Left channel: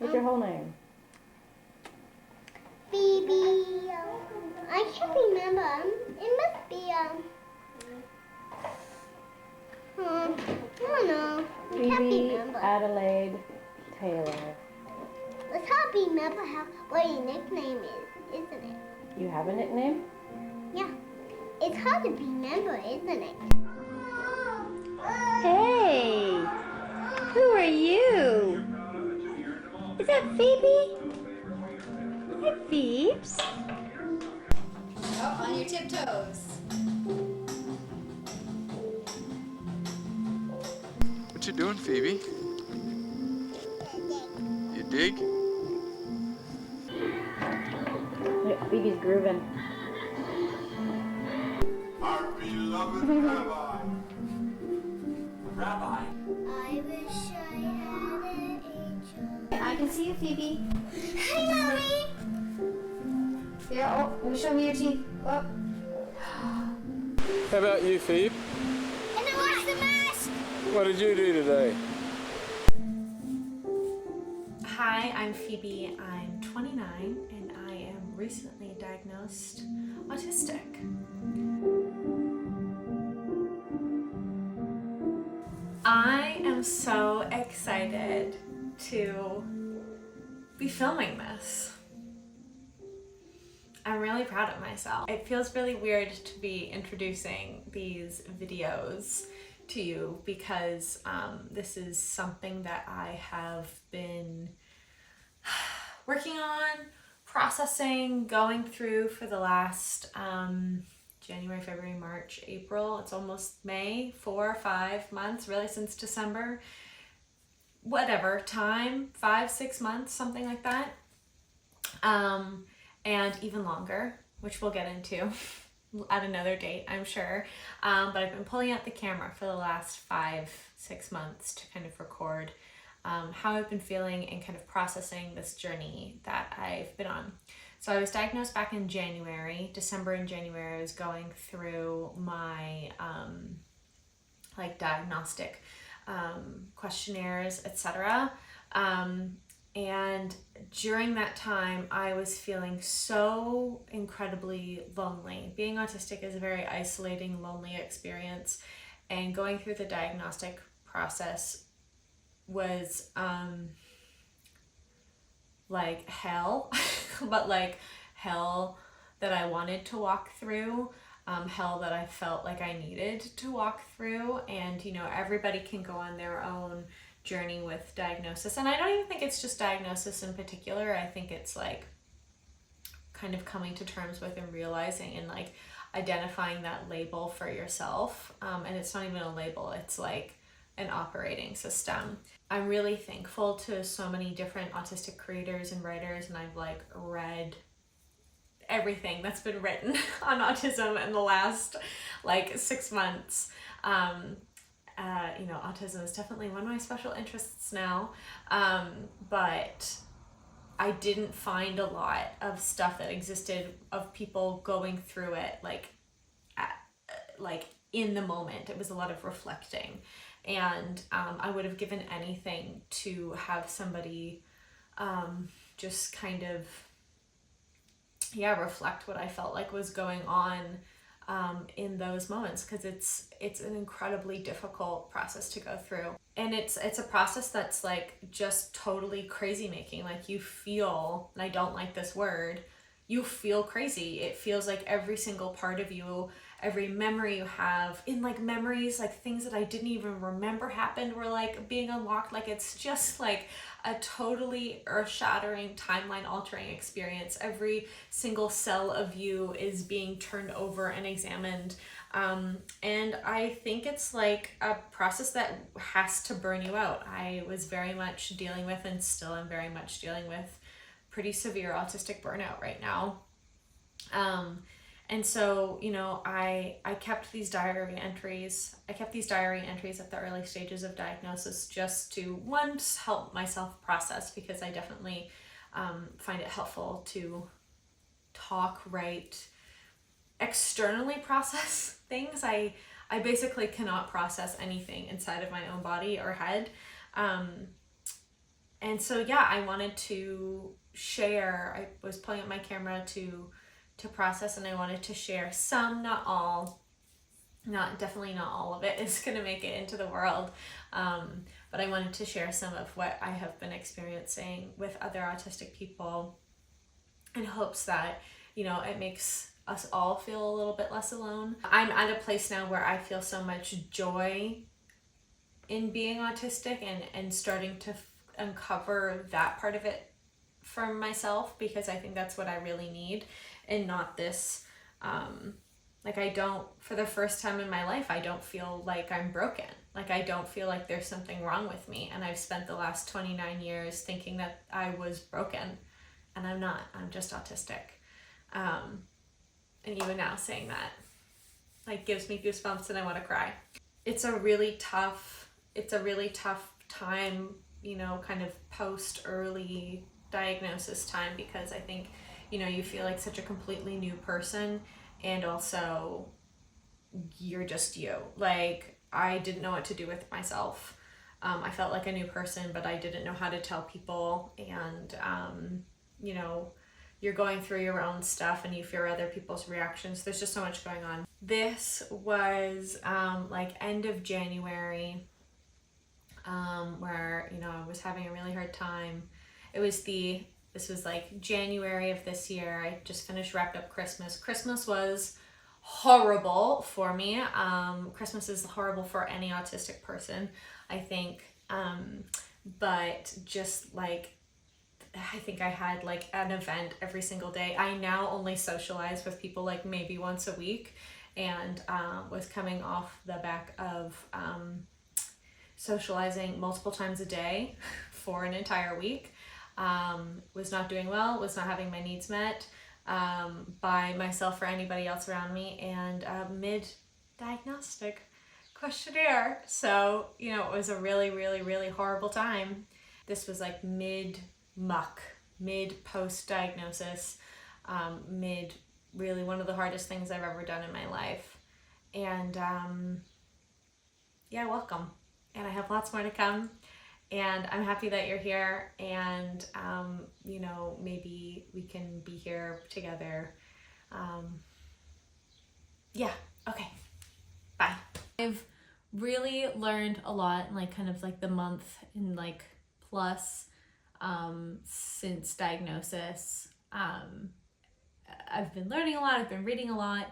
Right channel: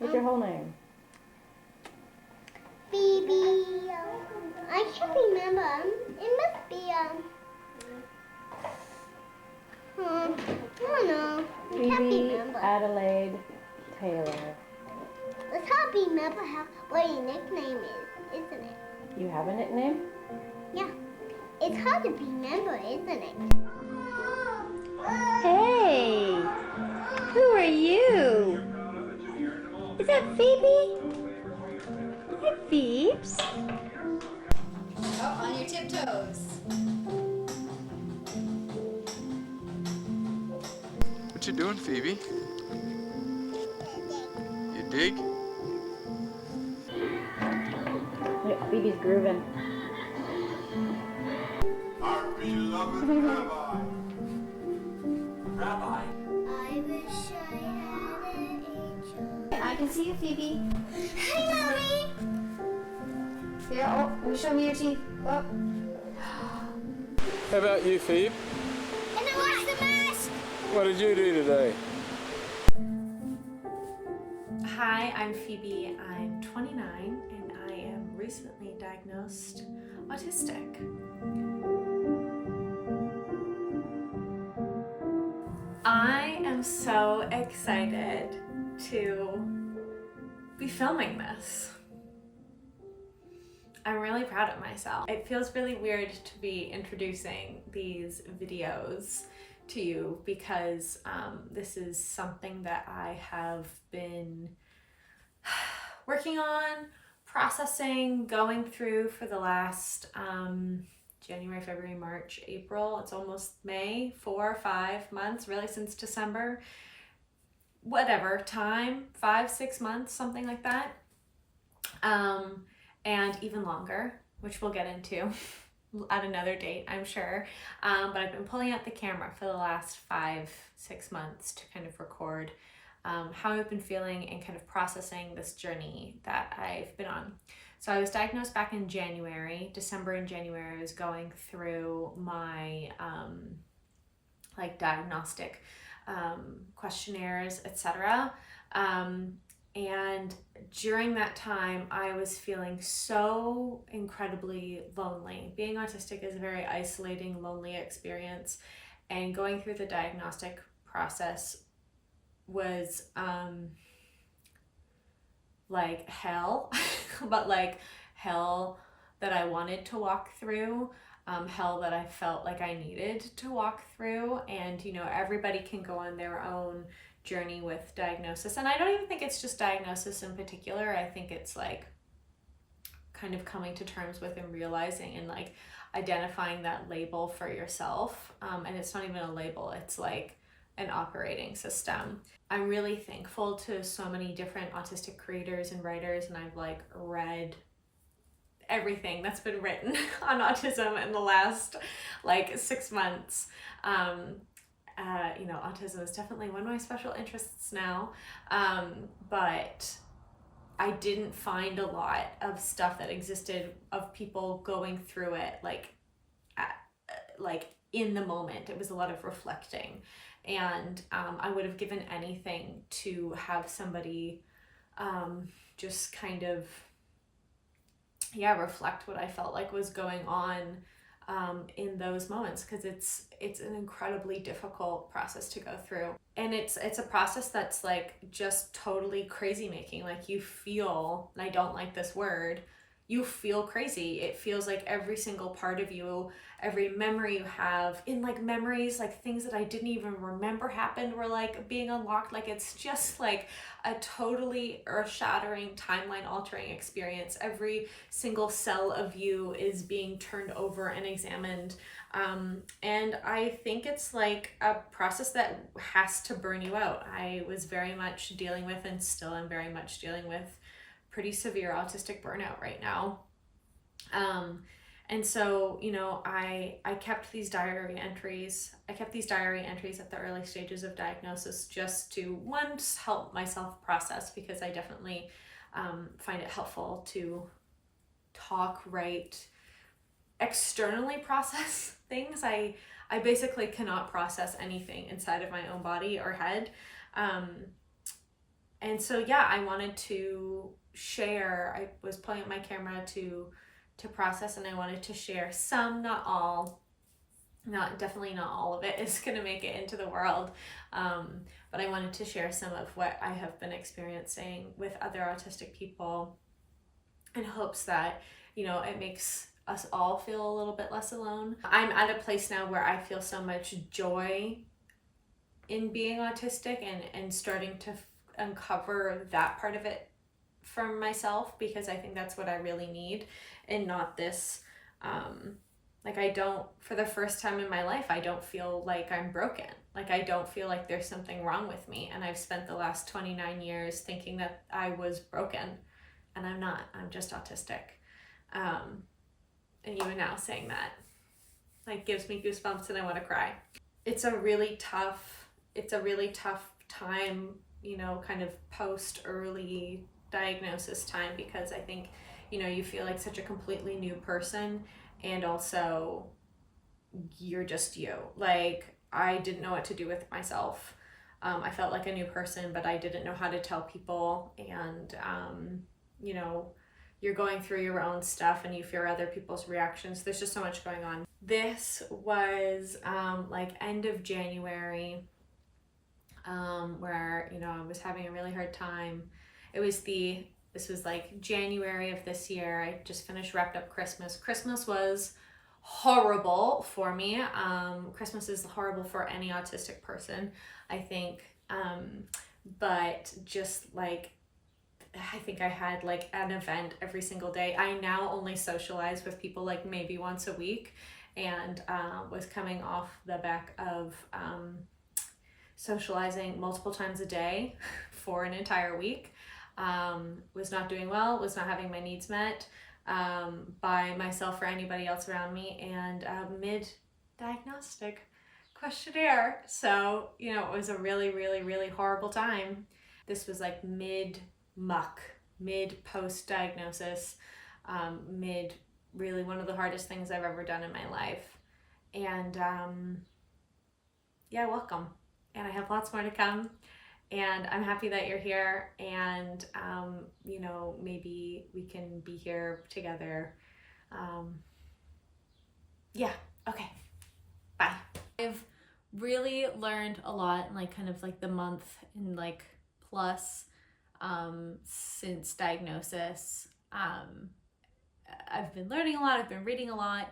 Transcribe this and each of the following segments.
What's your whole name? Phoebe. I can't remember. It must be I don't know. I can't Phoebe remember. Adelaide Taylor. Let's not remember what your nickname is, isn't it? You have a nickname? Yeah. It's hard to remember, isn't it? Hey, who are you? Is that Phoebe? Hi, Phoebes. Oh, on your tiptoes. What you doing, Phoebe? You dig? Look, Phoebe's grooving. Our beloved Rabbi. Rabbi? I wish I had an angel. I can see you, Phoebe. Hi, Mommy. Here, oh, show me your teeth. Oh. How about you, Phoebe? And I watched the mask. What did you do today? Hi, I'm Phoebe. I'm 29 and I am recently diagnosed autistic. I am so excited to be filming this. I'm really proud of myself. It feels really weird to be introducing these videos to you because this is something that I have been working on, processing, going through for the last January, February, March, April. It's almost May, 4 or 5 months, really since December. Whatever time, 5, 6 months, something like that. And even longer, which we'll get into at another date, I'm sure. But I've been pulling out the camera for the last 5, 6 months to kind of record how I've been feeling and kind of processing this journey that I've been on. So I was diagnosed back in January, December and January. I was going through my like diagnostic questionnaires, etc. And during that time, I was feeling so incredibly lonely. Being autistic is a very isolating, lonely experience, and going through the diagnostic process was like hell, but like hell that I wanted to walk through, hell that I felt like I needed to walk through. And you know, everybody can go on their own journey with diagnosis, and I don't even think it's just diagnosis in particular. I think it's like kind of coming to terms with and realizing and like identifying that label for yourself, and it's not even a label, it's like an operating system. I'm really thankful to so many different autistic creators and writers, and I've like read everything that's been written on autism in the last like 6 months. You know, autism is definitely one of my special interests now, but I didn't find a lot of stuff that existed of people going through it like in the moment. It was a lot of reflecting, and I would have given anything to have somebody just kind of reflect what I felt like was going on in those moments, because it's an incredibly difficult process to go through, and it's a process that's like just totally crazy making. Like you feel, and I don't like this word, you feel crazy. It feels like every single part of you, every memory you have, in like memories, like things that I didn't even remember happened were like being unlocked. Like it's just like a totally earth-shattering, timeline-altering experience. Every single cell of you is being turned over and examined. And I think it's like a process that has to burn you out. I was very much dealing with, and still am very much dealing with, pretty severe autistic burnout right now. And so, you know, I kept these diary entries. I kept these diary entries at the early stages of diagnosis just to, one, just help myself process, because I definitely find it helpful to talk, write, externally process things. I basically cannot process anything inside of my own body or head. And so yeah, I wanted to share. I was pulling up my camera to process, and I wanted to share some, not all. Definitely not all of it is going to make it into the world, but I wanted to share some of what I have been experiencing with other autistic people, in hopes that, you know, it makes us all feel a little bit less alone. I'm at a place now where I feel so much joy in being autistic, and starting to uncover that part of it for myself, because I think that's what I really need, and not this like, I don't, for the first time in my life, I don't feel like I'm broken. Like, I don't feel like there's something wrong with me, and I've spent the last 29 years thinking that I was broken, and I'm not. I'm just autistic. And even now saying that, like, gives me goosebumps and I want to cry. It's a really tough time, you know, kind of post early diagnosis time, because I think, you know, you feel like such a completely new person, and also you're just you. Like, I didn't know what to do with myself. I felt like a new person, but I didn't know how to tell people. And, you know, you're going through your own stuff and you fear other people's reactions. There's just so much going on. This was like end of January, where, you know, I was having a really hard time. This was like January of this year. I just wrapped up Christmas. Christmas was horrible for me. Christmas is horrible for any autistic person, I think. But just like, I think I had like an event every single day. I now only socialize with people like maybe once a week, and was coming off the back of socializing multiple times a day for an entire week. Was not doing well, was not having my needs met by myself or anybody else around me, and mid-diagnostic questionnaire. So, you know, it was a really, really, really horrible time. This was like mid-muck, mid-post-diagnosis, mid really one of the hardest things I've ever done in my life. And yeah, welcome. And I have lots more to come. And I'm happy that you're here, and you know, maybe we can be here together. Yeah, okay, bye. I've really learned a lot in like kind of like the month and like plus since diagnosis. I've been learning a lot, I've been reading a lot.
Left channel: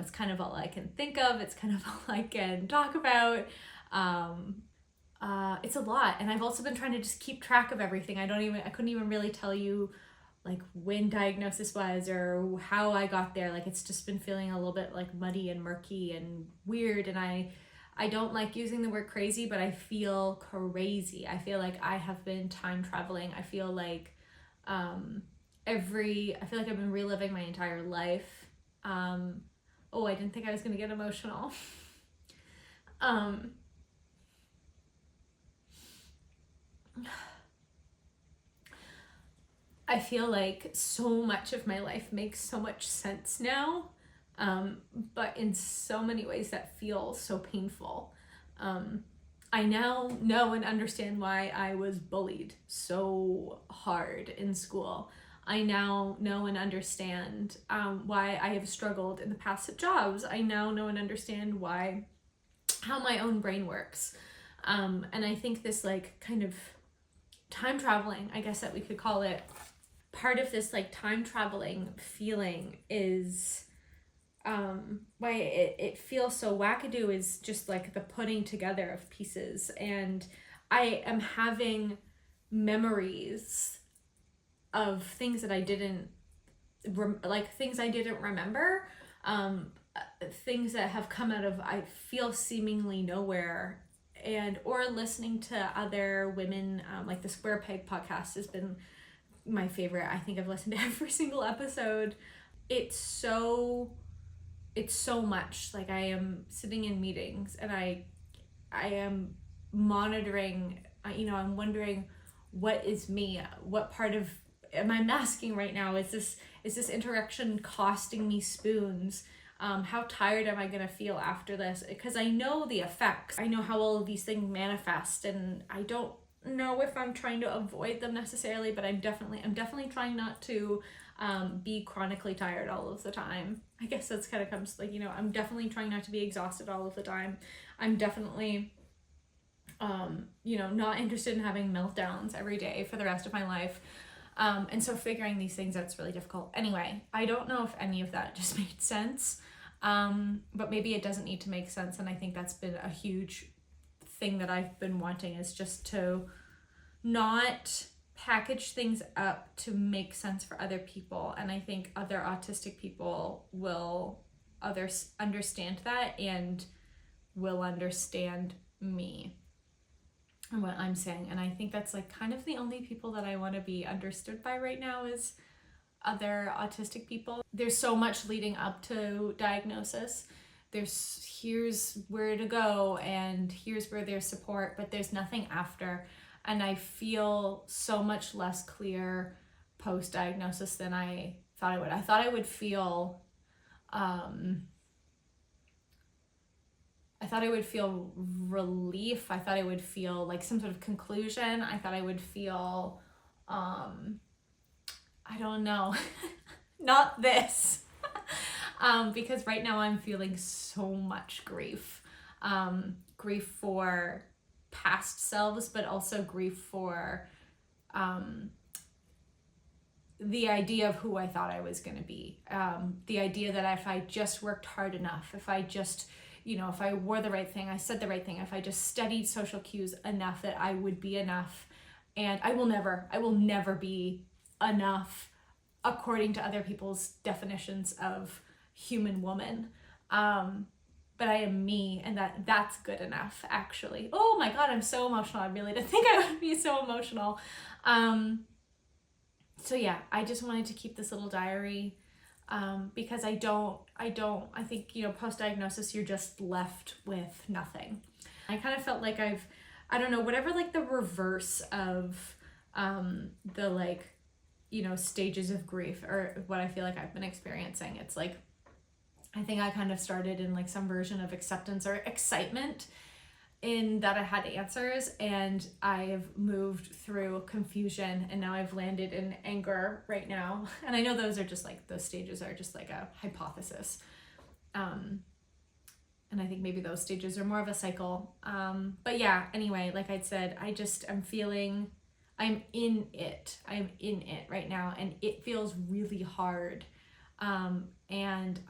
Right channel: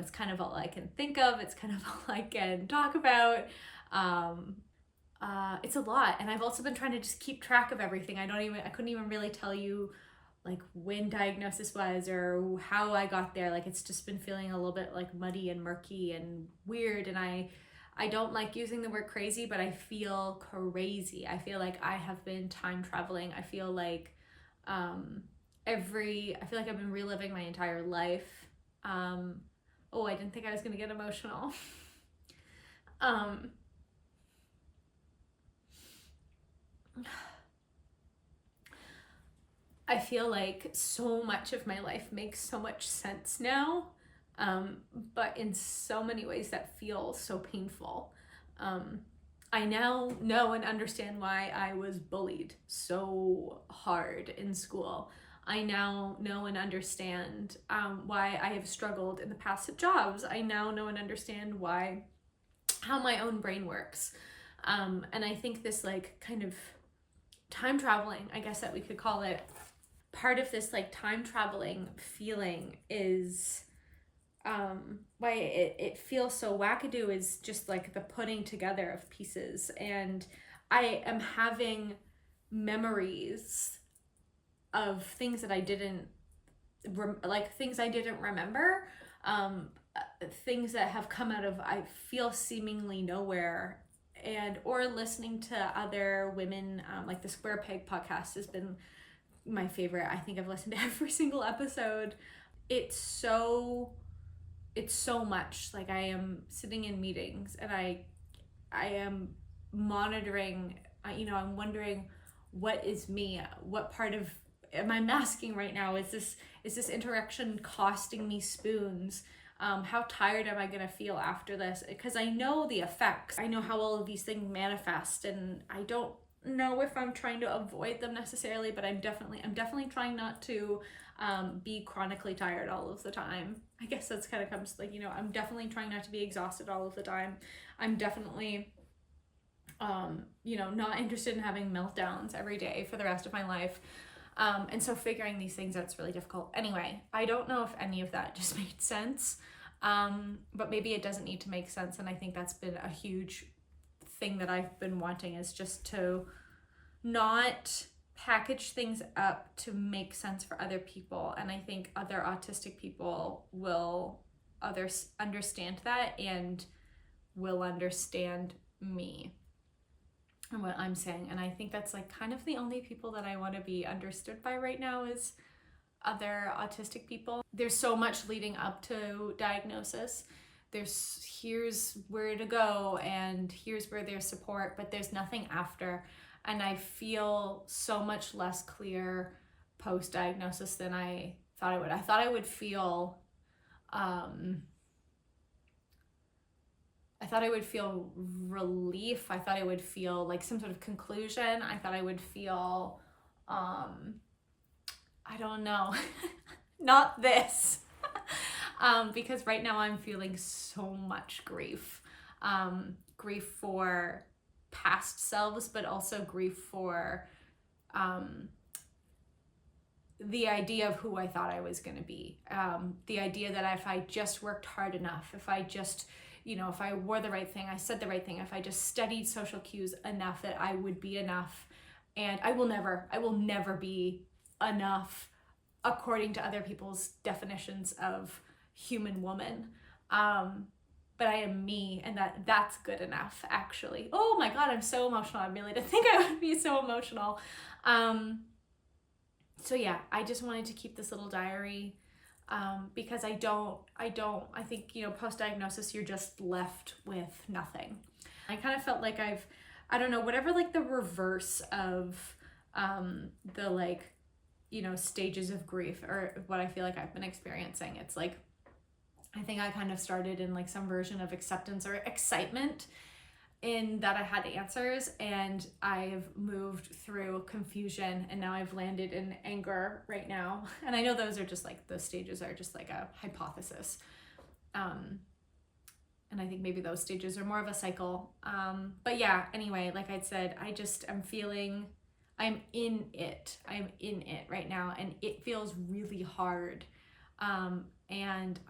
It's kind of all I can think of, it's kind of all I can talk about. It's a lot, and I've also been trying to just keep track of everything. I couldn't even really tell you like when diagnosis was or how I got there. Like, it's just been feeling a little bit like muddy and murky and weird, and I don't like using the word crazy, but I feel crazy. I feel like I have been time traveling. I feel like I feel like I've been reliving my entire life. Oh, I didn't think I was gonna get emotional. I feel like so much of my life makes so much sense now, but in so many ways that feel so painful. I now know and understand why I was bullied so hard in school. I now know and understand why I have struggled in the past at jobs. I now know and understand how my own brain works. And I think this like kind of time traveling, I guess that we could call it, part of this like time traveling feeling is why it feels so wackadoo is just like the putting together of pieces. And I am having memories of things that I didn't remember, things that have come out of, I feel, seemingly nowhere. And or listening to other women, like the Square Peg podcast has been my favorite. I think I've listened to every single episode. It's so much. Like, I am sitting in meetings and I am monitoring, you know, I'm wondering, what is me? What part of am I masking right now? Is this interaction costing me spoons? How tired am I gonna feel after this? Because I know the effects. I know how all of these things manifest, and I don't know if I'm trying to avoid them necessarily, but I'm definitely trying not to be chronically tired all of the time. I guess that's kind of comes like, you know, I'm definitely trying not to be exhausted all of the time. I'm definitely you know, not interested in having meltdowns every day for the rest of my life. And so figuring these things out's really difficult. Anyway, I don't know if any of that just made sense, but maybe it doesn't need to make sense. And I think that's been a huge thing that I've been wanting, is just to not package things up to make sense for other people. And I think other autistic people will understand that and will understand me and what I'm saying. And I think that's like kind of the only people that I want to be understood by right now is other autistic people. There's so much leading up to diagnosis. Here's where to go and here's where there's support, but there's nothing after. And I feel so much less clear post-diagnosis than I thought I would. I thought I would feel relief. I thought I would feel like some sort of conclusion. I thought I would feel, I don't know, not this. Because right now I'm feeling so much grief. Grief for past selves, but also grief for the idea of who I thought I was going to be. The idea that if I just worked hard enough, if I just, you know, if I wore the right thing, I said the right thing, if I just studied social cues enough, that I would be enough. And I will never be enough according to other people's definitions of human woman. But I am me, and that's good enough, actually. Oh my God, I'm so emotional. I really didn't think I would be so emotional. So yeah, I just wanted to keep this little diary, because I think, you know, post-diagnosis, you're just left with nothing. I kind of felt like I don't know, whatever like the reverse of the like, you know, stages of grief, or what I feel like I've been experiencing. It's like, I think I kind of started in like some version of acceptance or excitement in that I had answers, and I've moved through confusion, and now I've landed in anger right now. And I know those are just like, those stages are just like a hypothesis. And I think maybe those stages are more of a cycle. But yeah, anyway, like I said, I'm in it right now, and it feels really hard. And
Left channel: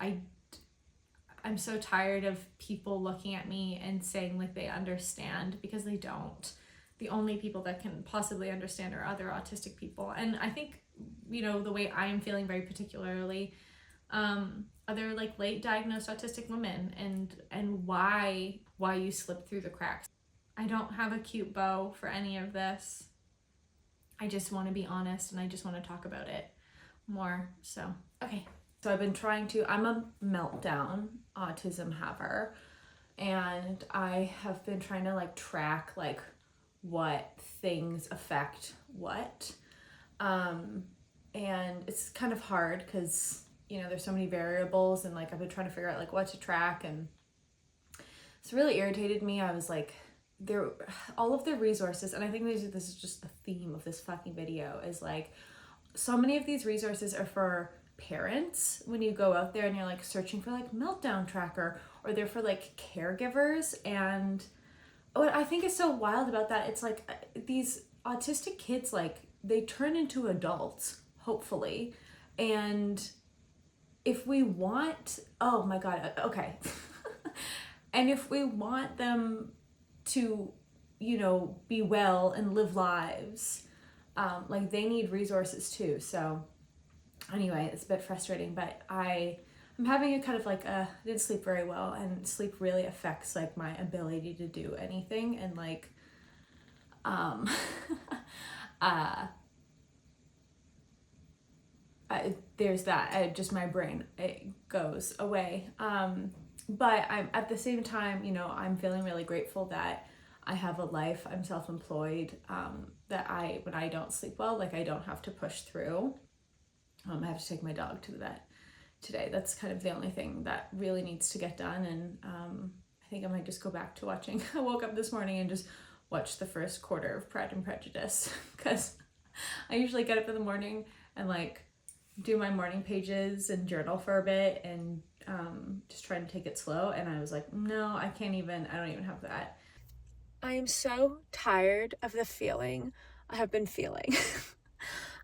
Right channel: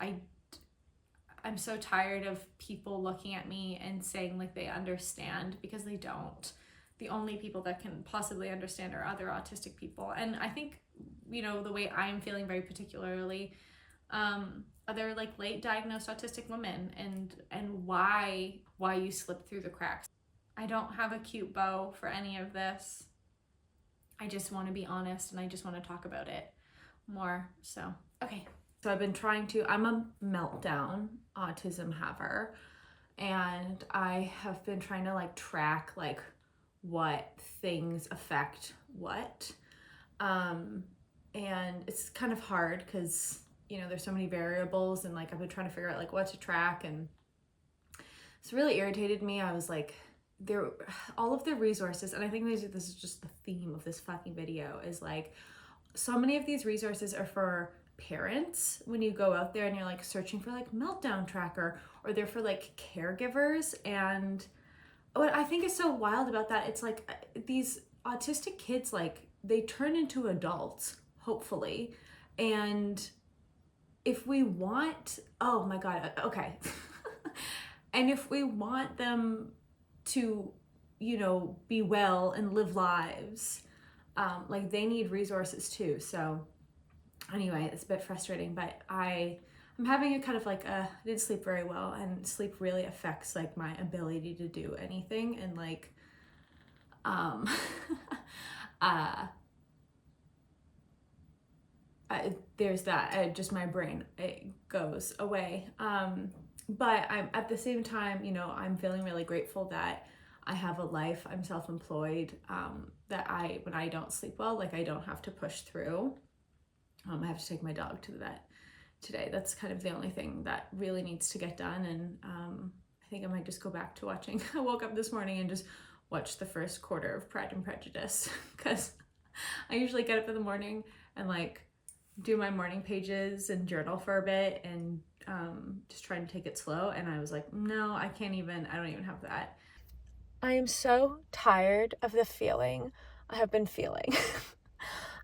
I'm so tired of people looking at me and saying like they understand, because they don't. The only people that can possibly understand are other autistic people. And I think, you know, the way I am feeling very particularly, other like late diagnosed autistic women, and why you slip through the cracks. I don't have a cute bow for any of this. I just want to be honest, and I just want to talk about it more. So, okay. So I've been I'm a meltdown autism haver, and I have been trying to like track like what things affect what. And it's kind of hard because, you know, there's so many variables, and like I've been trying to figure out like what to track, and it's really irritated me. I was like, all of the resources, and I think this is just the theme of this fucking video, is like so many of these resources are for parents when you go out there and you're like searching for like meltdown tracker, or they're for like caregivers. And what I think is so wild about that, it's like these autistic kids, like they turn into adults, hopefully. And if we want, oh my God, okay. And if we want them to, you know, be well and live lives, like they need resources too. So anyway, it's a bit frustrating, but I'm having a kind of like I didn't sleep very well, and sleep really affects like my ability to do anything. And like, there's that, just my brain, it goes away. But I'm at the same time, you know, I'm feeling really grateful that I have a life, I'm self-employed, that when I don't sleep well, like I don't have to push through. I have to take my dog to the vet today. That's kind of the only thing that really needs to get done. And I think I might just go back to watching. I woke up this morning and just watch the first quarter of Pride and Prejudice because I usually get up in the morning and like do my morning pages and journal for a bit and just try to take it slow. And I was like, no, I don't even have that. I am so tired of the feeling I have been feeling.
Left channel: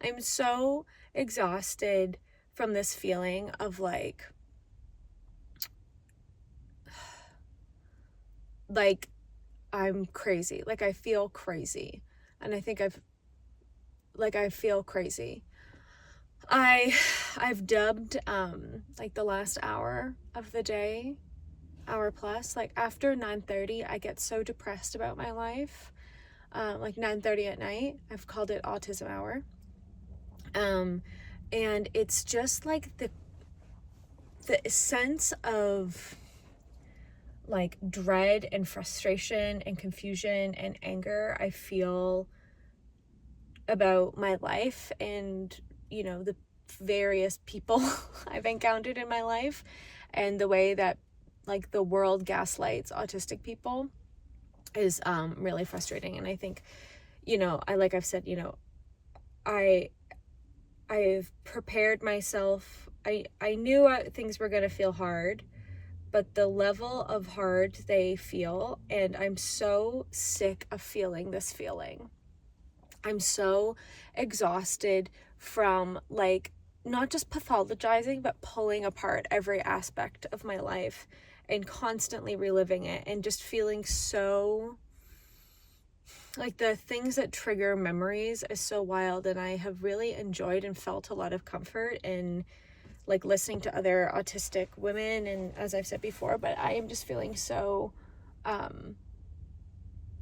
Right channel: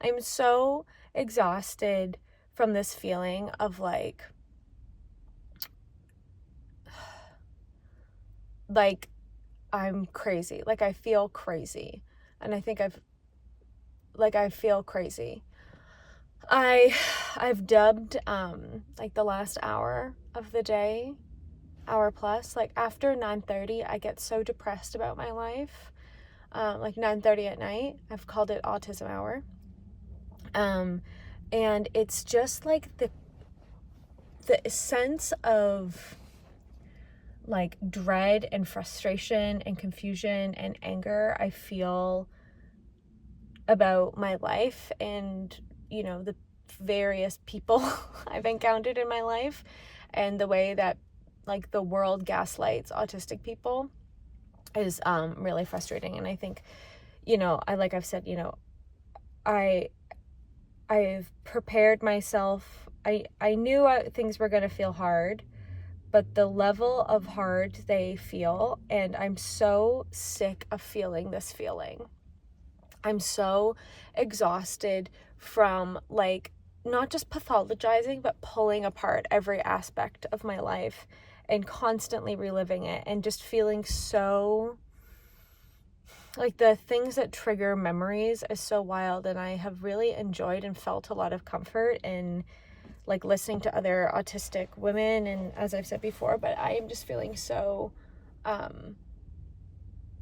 I'm so exhausted from this feeling of like I'm crazy. Like I feel crazy. And I think I feel crazy. I've dubbed like the last hour of the day, hour plus, like after 9:30 I get so depressed about my life. Like 9:30 at night, I've called it autism hour. And it's just like the sense of like dread and frustration and confusion and anger I feel about my life and, you know, the various people I've encountered in my life and the way that like the world gaslights autistic people is really frustrating. And I think, you know, I've said, you know, I've prepared myself. I knew things were going to feel hard, but the level of hard they feel, and I'm so sick of feeling this feeling. I'm so exhausted from like not just pathologizing, but pulling apart every aspect of my life and constantly reliving it and just feeling so like the things that trigger memories is so wild. And I have really enjoyed and felt a lot of comfort in like listening to other autistic women, and as I've said before, but I am just feeling so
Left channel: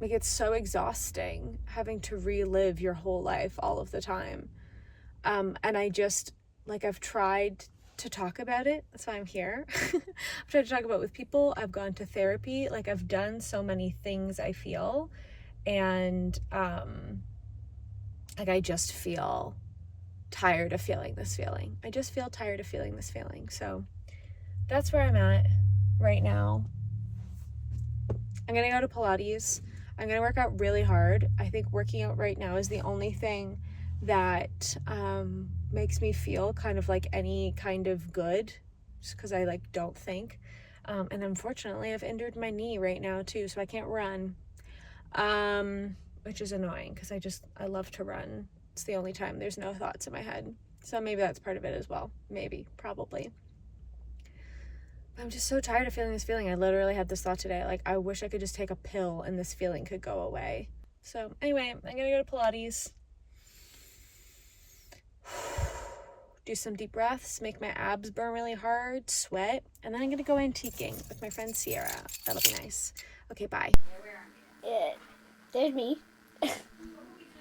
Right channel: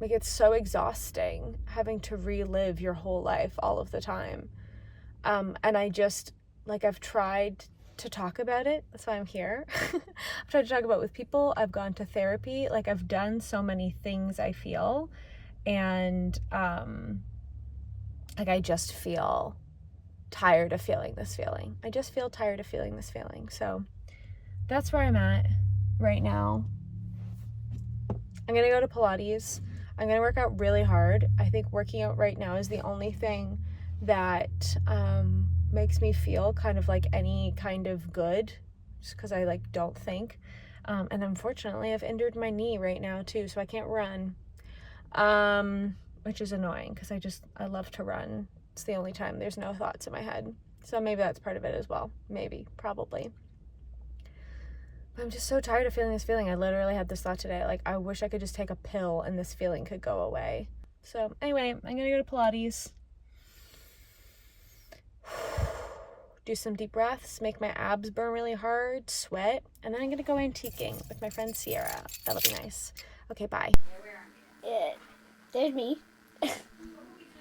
like it's so exhausting having to relive your whole life all of the time. And I just like I've tried to talk about it. That's why I'm here. I've tried to talk about it with people. I've gone to therapy. Like I've done so many things I feel, and like I just feel tired of feeling this feeling. I just feel tired of feeling this feeling. So that's where I'm at right now. I'm gonna go to Pilates. I'm gonna work out really hard. I think working out right now is the only thing that makes me feel kind of like any kind of good, just because I like don't think. And unfortunately I've injured my knee right now too, so I can't run, which is annoying because I love to run. It's the only time there's no thoughts in my head. So maybe that's part of it as well. Maybe, probably. But I'm just so tired of feeling this feeling. I literally had this thought today. Like, I wish I could just take a pill and this feeling could go away. So anyway, I'm gonna go to Pilates. Do some deep breaths, make my abs burn really hard, sweat, and then I'm gonna go antiquing with my friend Sierra. That'll be nice. Okay, bye. There's me.